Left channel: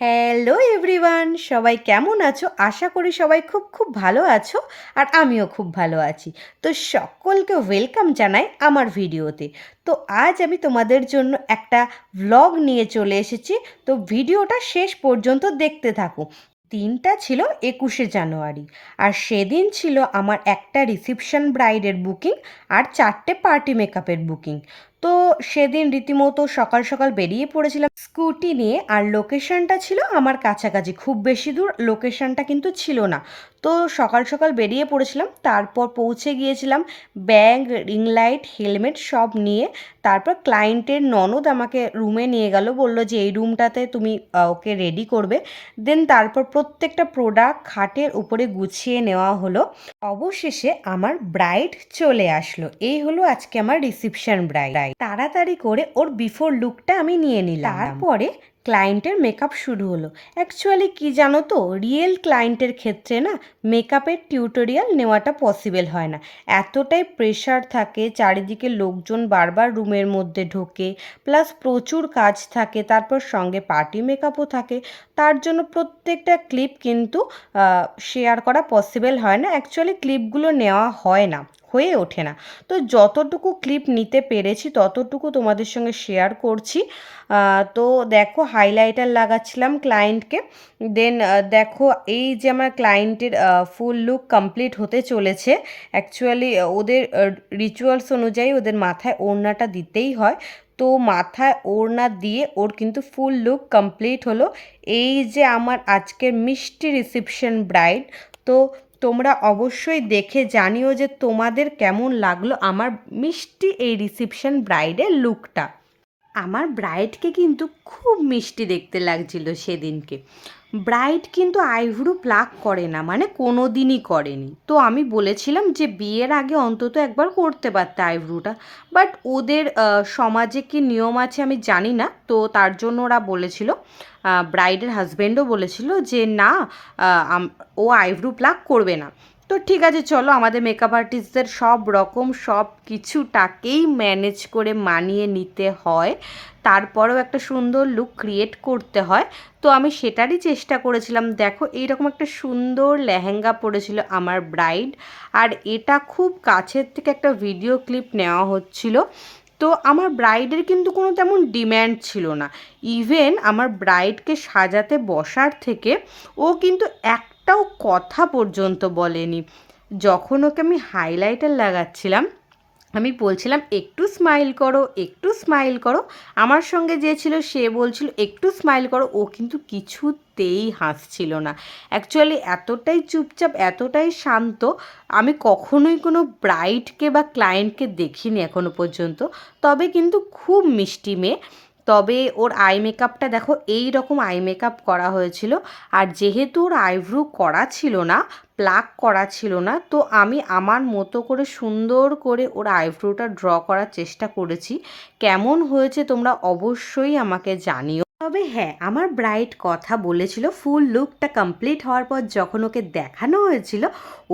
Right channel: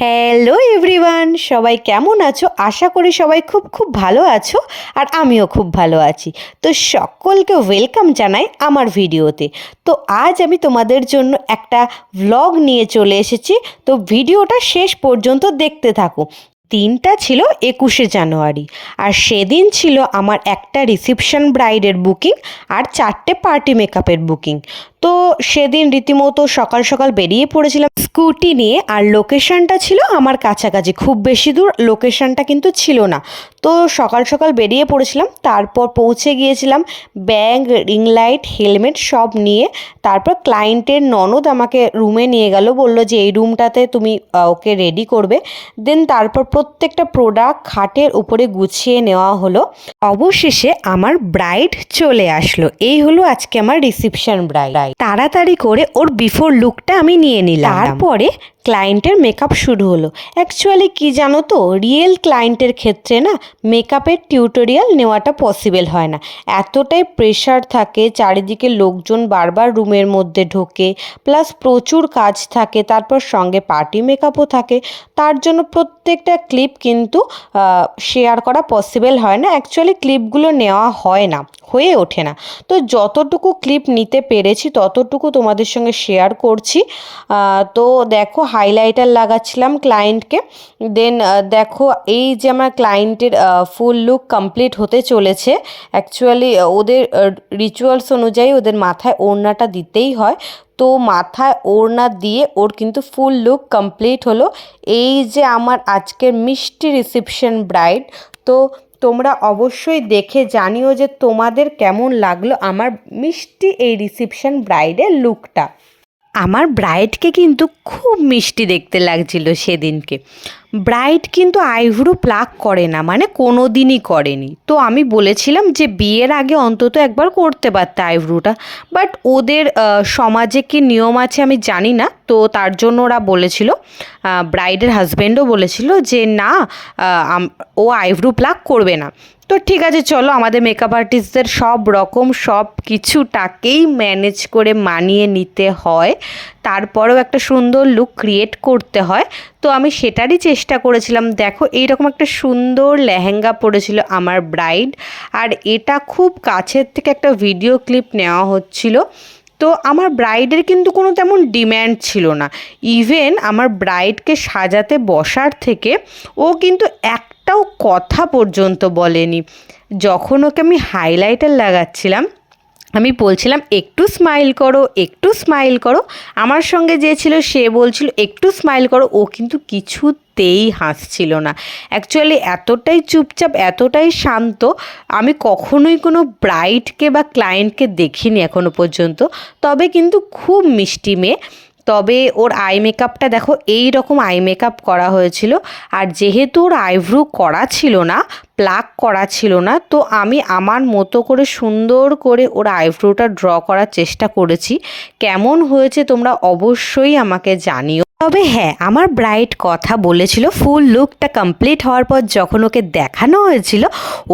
Hello everyone, সবাই কেমন আছো? আশা করি সবাই খুব খুব ভালো আছো, আর আমিও খুব ভালো আছি। তো সকলকে ওয়েলকাম জানাই আমার ভিডিওতে। তো আজ আমি তোমাদের জন্য একটা ভ্লগ নিয়ে চলে এসেছি। তো ভিডিওটা শেষ পর্যন্ত দেখতে থাকো। দিনটা ছিল 21শে জানুয়ারি, আর সেদিন ছিল আমার একটা রিসেপশন ব্রাইডের বুকিং আর 4টে পার্টি মেকআপের বুকিং। তো সেদিন রীতিমতো সকাল সকাল বেরিয়ে পড়েছিলাম স্কুটি নিয়ে, আর লোকেশনটা ছিল আমার কাছাকাছি, খুব বেশি দূর লোকেশনটা কিন্তু ছিল না। তো সকাল সকাল বেরিয়ে পড়েছিলাম, তারপর পৌঁছে গিয়েছিলাম ব্যাগ, রিং লাইট, হেলমেট সব নিয়ে। তারপর ক্লায়েন্টের ননদ আমাকে রুমে নিয়ে গেল, বললো যে এই রুমটাতে তুমি ওকে রেডি করবে। দেন তারপর প্রত্যেকটা প্রোডাক্ট খাটের উপরে গুছিয়ে নেওয়া হলো। অবশেষে আমার ব্রাইড চলে আসলো। এই হলো আজকে আমার রিসেপশন ব্রাইড। তাড়াতাড়ি করে ওর বিফোর লুকটা আমি নিয়ে নিলাম। তারপরে ক্লায়েন্টের মেকআপ শুরু হলো। অ্যাকচুয়ালি কি জানো তো, রিয়েল ক্লায়েন্টের ক্ষেত্রে না মেকআপের টিউটোরিয়াল নেওয়াটা পসিবল হয় না। এতটাই প্রেশার থাকে, চারিদিকে লোকজন বারবার রুমের মধ্যে ঢোকে, প্লাস প্রচুর কাজ থাকে, তারপর সঙ্গে পার্টি মেকআপও থাকে। তার জন্য প্রত্যেকটা ক্লিপ কিন্তু শেয়ার করা পসিবল হয় না। অ্যাকচুয়ালি ক্লিপগুলো নেওয়া হয় না, হয়ে ওঠে না। তো যতটুকু ক্লিপ নিতে পেরেছি ততটুকু তোমাদের সঙ্গে শেয়ার করছি। তো দেখো, হাইলাইটার লাগাচ্ছিলাম ক্লায়েন্টকে। দেন দেখো, এই যে আমার ক্লায়েন্টের ফুল লুক কমপ্লিট হতে চলেছে। অ্যাকচুয়ালি ওদের রিচুয়ালস অনুযায়ী ওদের মাথায় ওড়নাটা দিতেই হয়। তো মাথায় ওড়না দিয়ে ওর কিন্তু ফুল লুক কমপ্লিট হলো। এই যে আমার আজকের মিষ্টি রিসেপশন ব্রাইড। তো তোমরা অবশ্যই দেখে জানিও যে তোমাদের কেমন লাগলো আমার মিষ্টি এই রিসেপশন ব্রাইডের লুকটা। আমার ব্রাইডকে কিন্তু খুব মিষ্টি দেখতে লাগছিল সেদিনকে। ব্রাইড কিন্তু আইব্রো প্লাক করে না, মানে কোনো দিনই করেনি। তো আমি বলেছিলাম যে বিয়ের আগে অন্তত একবার করতে পারতে আইব্রোটা, বাট ওদের সমাজে কি নিয়ম আছে আমি জানি না। তো তার জন্য ওরা বলেছিল, ব্রাইডের হাজব্যান্ডও বলেছিল যে না, ও আইব্রো প্লাক করবে না। তো ঠিক আছে, চলো, আমাদের মেকআপ আর্টিস্টদের সব রকম সব কিছুটাকেই ম্যানেজ করে মানিয়ে নিতে হয়, তারপরেও একটা সুন্দর লুক ক্রিয়েট করতে হয়। তো আমি সেটারই চেষ্টা করেছিলাম। দেখো, এইরকম একটা সুন্দর লেহেঙ্গা পরেছিল আমার ব্রাইড, আর এটা খুব কাছের থেকে একটা ভিডিও ক্লিপ নেওয়া হচ্ছিল। তো আমার ব্রাইডের কিন্তু কোনো তেমন ডিম্যান্ড ছিল না। ইভেন আমার ব্রাইডকে সাজাতে বসার থেকে ও কিন্তু একটাও কথা পর্যন্ত বলেনি। যখন ওকে আমি হাইলাইটার লাগাচ্ছিলাম, আমি বলছিলাম একটু স্মাইল করো, একটু স্মাইল করো, আমার সঙ্গে যে ছিল সে বলছিল একটু স্মাইল করো, ও কিন্তু কিছুতেই হাসছিল না। অ্যাকচুয়ালি এতটাই চুপচাপ, এতটাই শান্ত আমি কখনোই কোনো ব্রাইডকে বা ক্লায়েন্টকে দেখিনি এখনো পর্যন্ত। তবে কিন্তু খুব মিষ্টি মেয়ে। তবে ওর আই মেকআপটা দেখো, এই রকম আই মেকআপ করা হয়েছিল। আর যেহেতু ওর আইব্রো করা ছিল না, প্লাক করা ছিল না, তো আমি আমার মতো করে সুন্দর করে ওর আইব্রোটা ড্র করার চেষ্টা করেছি। কেমন হয়েছে তোমরা অবশ্যই আমাকে জানিও। তবে হ্যাঁ, আমার ব্রাইড কথা বলেছিল ফুল লুকটা কমপ্লিট হওয়ার পর যখন ওকে দেখানো হয়েছিল,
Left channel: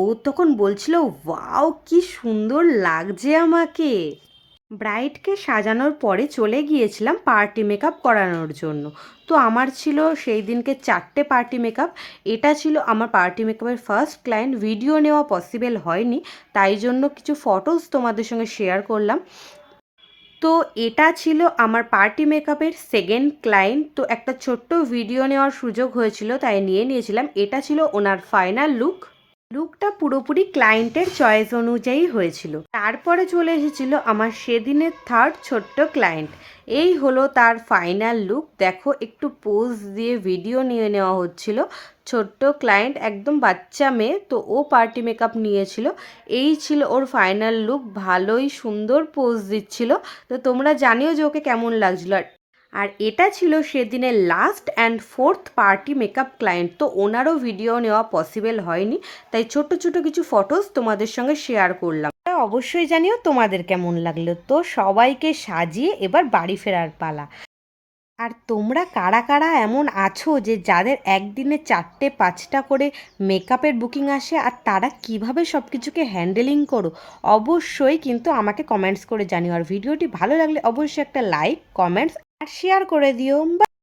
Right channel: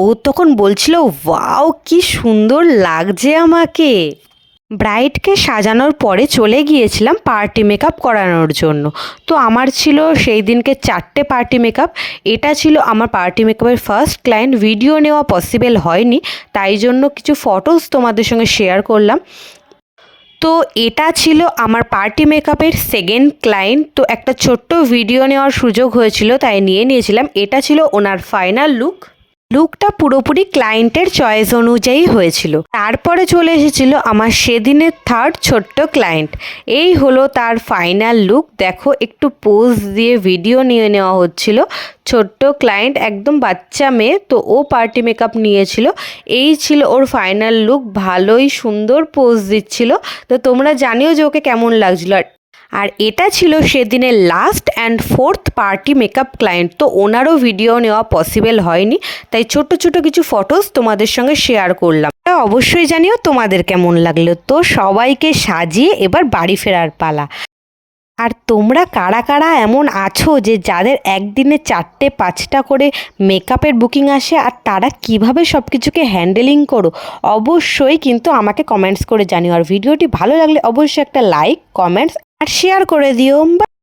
ও তখন বলছিল ওয়াও কি সুন্দর লাগছে আমাকে। ব্রাইডকে সাজানোর পরে চলে গিয়েছিলাম পার্টি মেকআপ করানোর জন্য। তো আমার ছিল সেই দিনকে 4টে পার্টি মেকআপ। এটা ছিল আমার পার্টি মেকআপের ফার্স্ট ক্লায়েন্ট। ভিডিও নেওয়া পসিবল হয়নি, তাই জন্য কিছু ফটোস তোমাদের সঙ্গে শেয়ার করলাম। তো এটা ছিল আমার পার্টি মেকআপের সেকেন্ড ক্লায়েন্ট। তো একটা ছোট্ট ভিডিও নেওয়ার সুযোগ হয়েছিল, তাই নিয়ে নিয়েছিলাম। এটা ছিল ওনার ফাইনাল লুক। লুকটা পুরোপুরি ক্লায়েন্টের চয়েস অনুযায়ী হয়েছিল। তারপরে চলে এসেছিল আমার সেদিনের থার্ড ছোট্ট ক্লায়েন্ট। এই হলো তার ফাইনাল লুক। দেখো, একটু পোজ দিয়ে ভিডিও নিয়ে নেওয়া হচ্ছিল। ছোট্ট ক্লায়েন্ট, একদম বাচ্চা মেয়ে, তো ও পার্টি মেকআপ নিয়েছিল। এই ছিল ওর ফাইনাল লুক। ভালোই সুন্দর পোজ দিচ্ছিল। তো তোমরা জানিও যে ওকে কেমন লাগছিল। আর এটা ছিল সেদিনের last and fourth party makeup client. তো ওনারও ভিডিও নেওয়া পসিবল হয়নি, তাই ছোট ছোট কিছু ফটোস তোমাদের সঙ্গে শেয়ার করলাম। অবশ্যই জানিও তোমাদের কেমন লাগলো। তো সবাইকে সাজিয়ে এবার বাড়ি ফেরার পালা। আর তোমরা কারা কারা এমন আছো যে যাদের একদিনে 4টে 5টা করে মেকআপের বুকিং আসে, আর তারা কিভাবে সব কিছুকে হ্যান্ডেলিং করো, অবশ্যই কিন্তু আমাকে কমেন্টস করে জানিও। আর ভিডিওটি ভালো লাগলে অবশ্যই একটা লাইক, কমেন্টস আর শেয়ার করে দিও।